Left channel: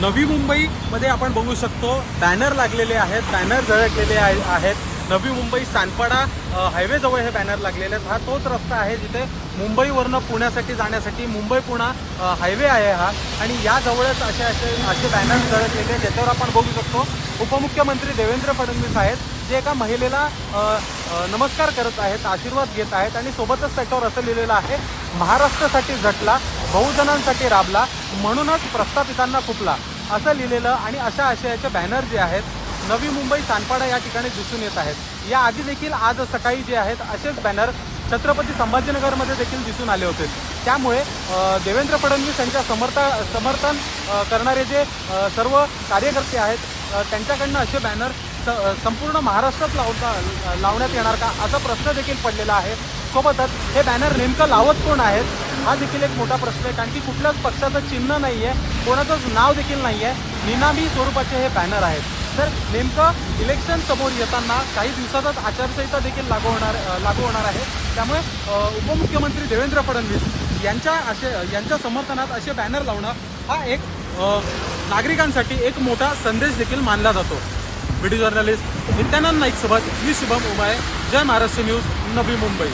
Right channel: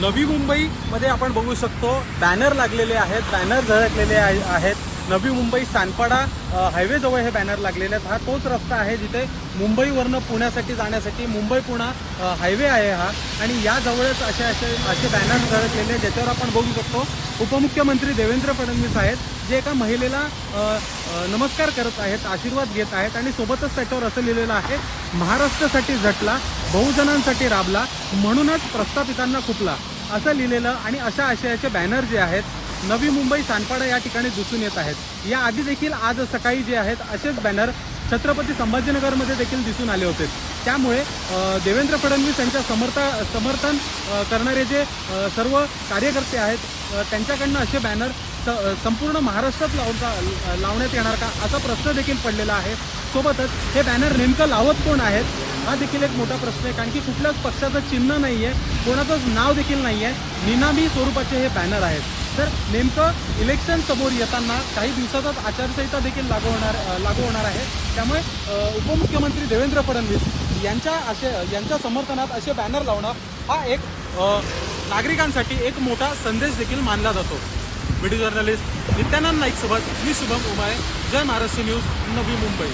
नवी मुंबईमध्ये आपण बघू शकतो बॅनर लागलेले आहेत बॅनर झळकलेले आहेत. नवी मुंबई सानपाडा अ, हायवेजवळ हे बॅनर लागलेले आहेत. हा तोच रस्ता आहे जिथे मुंबईवरनं पुण्यासाठी जाण्यासाठी मुंबई पुणा हायवे आहे हा. आणि या जवळच असे असे असे बॅनर झळकलेले आहेत ज्याच्यावर आपण बघू शकतो उपमुख्यमंत्री देवेंद्र फडणवीस आहेत जे एका महिलेला नमस्कार करत आहेत आशीर्वाद घेत आहेत आणि सोबतच त्याच्यावर असं लिहिलेलं आहे महाराष्ट्रासाठी झटला बहुजनांसाठी राबला म्हणूनच प्रस्थापितांना फुटला. असं लिहिलेलं आणि अशा आशयाचे बॅनर जे आहेत नवी मुंबई सानपाडा या ठिकाणी दिसून येत आहेत. या आधी देखील आज सकाळी जे आहेत असेच बॅनर छत्रपती संभाजीनगरमध्ये देखील दिसून आले होते. त्यामुळे देवेंद्र फडणवीस यांच्या समर्था समर्थन करणारे जे सर्व कार्यकर्ते आहेत त्यांच्याकडनं असे बॅनर स- संपूर्ण महाराष्ट्रात लावता लावण्यात येणार का? असा प्रश्न देखील पडलेला आहे. सोबतच हे बॅनर नेमकं लावत कोण आहेत? हा देखील एक मोठा प्रश्न आहे कारण की कुठल्याच पक्षाचं चिन्ह नाही आहे कोणाचंच नाव देखील नाही आहे निनामी स्वरूपाचे हे बॅनर आहेत. तर नेमकं इलेक्शन समोर येताना काही दिवसातच आचारसंहिता देखील लागू होणार लागू होणार आहे. त्यामुळे उपमुख्यमंत्री देवेंद्र फडणवीस यांच्या असे यांच्या समर्थनात असे बॅनर लावणं हा एक नागरिकांसाठी एक मोठा संदेश देखील मानला जातो. व्हिडिओ जर्नलिस्ट नित्यानंद नाईकसोबत मी शुभम उमाळे जय महाराष्ट्र न्यूज नवी मुंबई.